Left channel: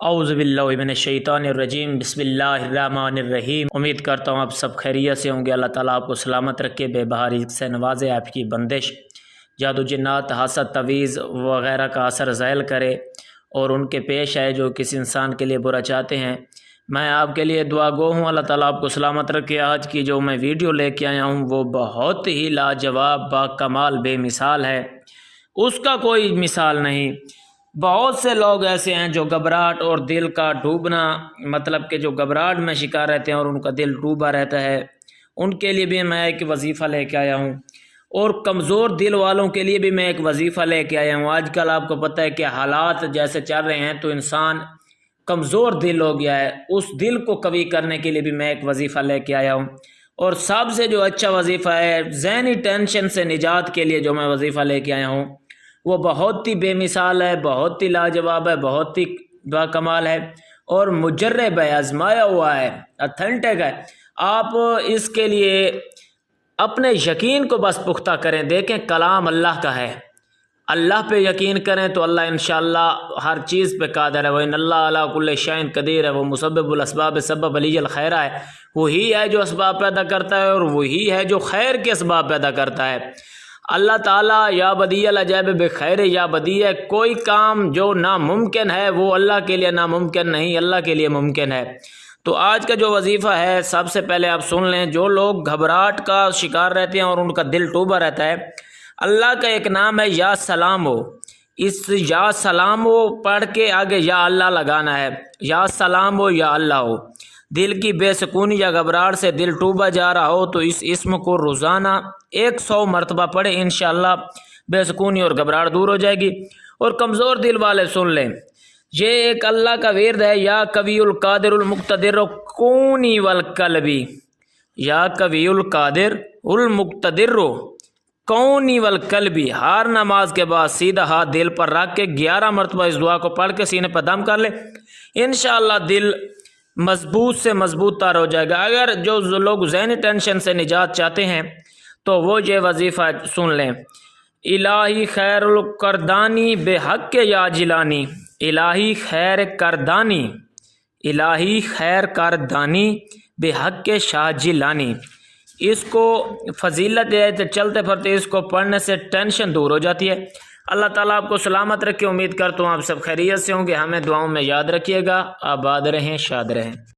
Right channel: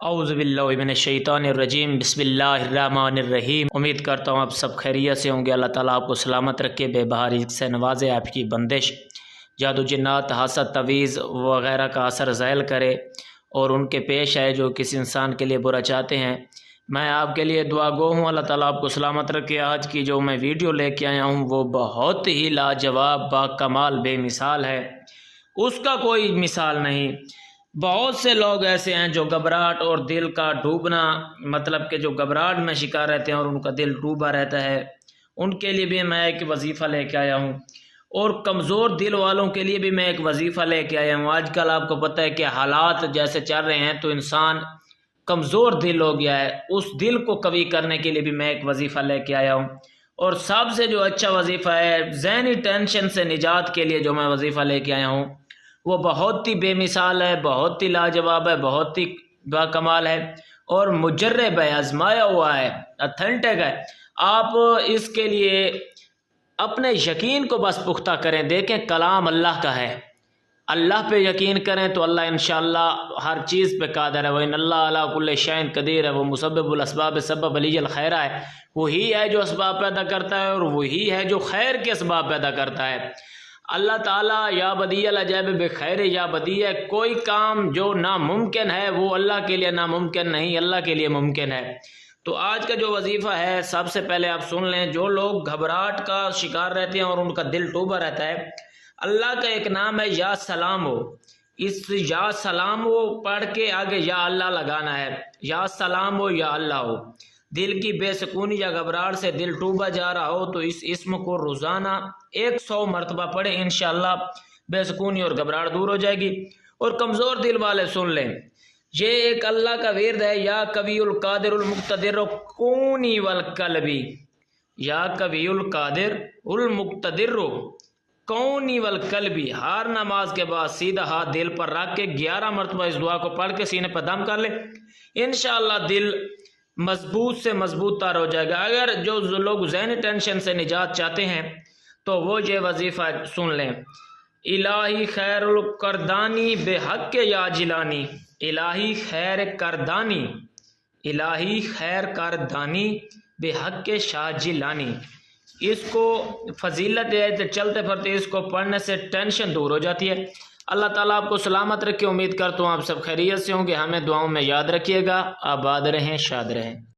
اعوذ باللہ من الشیطان الرجیم، بسم اللہ الرحمن الرحیم۔ امید کرتا ہوں آپ سب خیریت سے ہوں گے۔ اللہ تعالیٰ آپ کو سلامت رکھے، بے بہا رزق سے نوازے، آپ کی بندش، جادو جنات، حسد، تعویذ وغیرہ کا اثر زائل کرے اور ان کے پیش آئے جو کسی انسان کے لیے برا چاہتے ہیں۔ میں آپ کے لیے دعا گو ہوں، اللہ تعالیٰ آپ کو سلامت رکھے۔ آج کی جو میں ویڈیو لے کے آیا ہوں وہ بہت ہی لاجواب، با کمال، بے مثال ہے، اس کا کوئی مثال نہیں۔ بہت سے لوگ ایسے ہیں جو گھبراہٹ اور دل کا ڈوبنا، مطلب کہ جو گھبراہٹ میں شکار رہتے ہیں اور ان کا دل ڈوبا رہتا ہے، ان کے لیے بھی میں ایک وظیفہ لے کے آیا ہوں، اور کمزور دل والوں کے لیے بھی میں ایک وظیفہ لے کے آیا ہوں۔ آج کل آپ کو پتہ ہے کہ حالات جیسے چل رہے ہیں تو انسان کمزور دل ہو گیا ہے، اس دل کو قوی کرنے کے لیے بھی میں ایک وظیفہ لے کے آیا ہوں۔ اور سب سے جو اچھا وظیفہ ہے ذہنی ٹینشن سے نجات کے لیے جو میں وظیفہ لے کے آیا ہوں وہ بہت ہی بے مثال ہے، بہت ہی لاجواب ہے، بہت ہی با کمال ہے اور مجرب ہے، آزمایا ہوا ہے، اتھینٹک ہے۔ آپ اس کے لیے اپنے یقین کو بس پختہ کریں، دیکھیں کلام اللہ کا ہے، اللہ پہ یقین کریں تو اللہ انشاءاللہ ہر چیز پہ قادر ہے۔ وَإِنَّ اللَّهَ عَلَىٰ كُلِّ شَيْءٍ قَدِيرٌ ہے، وہ مسبب الاسباب سبب علی الخیر ہے، وہی ہے جو اسباب پیدا کرتا ہے اور وہی ہے جو خیر کے اسباب پیدا کرتا ہے۔ اللہ تعالیٰ یا بدیع العجائب بخیر یا بدیع، کوئی کام جو ناممکن ہے وہ اللہ کے لیے ناممکن نہیں، اللہ کے لیے ممکن ہے۔ تو آج کا جو وظیفہ ہے سب سے پہلے آپ سن لیں۔ جو لوگ گھبراہٹ کا شکار رہتے ہیں اور ان کا دل ٹوبا رہتا ہے، اللہ کا ایک نام ہے یا سلام ہو، اس یا سلام ہو پڑھ کے آگے یا اللہ لگانا ہے، یا سلام ہو یا اللہ ہو۔ دل کی بے سکونی یا گھبراہٹ سے دل ٹوبا جا رہا ہو تو اس اسم کو روزانہ 100 مرتبہ پڑھیں، انشاءاللہ بے سکونی اور گھبراہٹ دور ہو جائے گی۔ اور کمزور دل والے سن لیں، یہ ایک اللہ کا ورد ہے، یا قوی القادر المقتدر کونی والقلبی، یا قوی القادر المقتدر کونی والقلبی۔ ہر نماز کے بعد سیدھا ہاتھ دل پر رکھ کے 11 مرتبہ اس دعا کو پڑھ کے سینے پر دم کر لے، انشاءاللہ دل مضبوط سے مضبوط تر ہو جائے گا۔ اگر جو لوگ ذہنی ٹینشن سے نجات چاہتے ہیں تو وہ یہ وظیفہ سن لیں۔ الہی خیر الکردانی بے حق یا جلانی، الہی خیر کردانی، الہی خیر کردانی بے حق شاہ جیلانی۔ اس کو فضیلت ہے، چلتے پھرتے اس کو پڑھنے سے ٹینشن دور ہو جاتی ہے۔ اللہ تعالیٰ آپ کو سلامت رکھے۔ امید کرتا ہوں آپ سب خیریت سے ہوں گے۔ ہمیں دعاؤں میں یاد رکھیے گا۔ آباد رہیں، شاد رہیں۔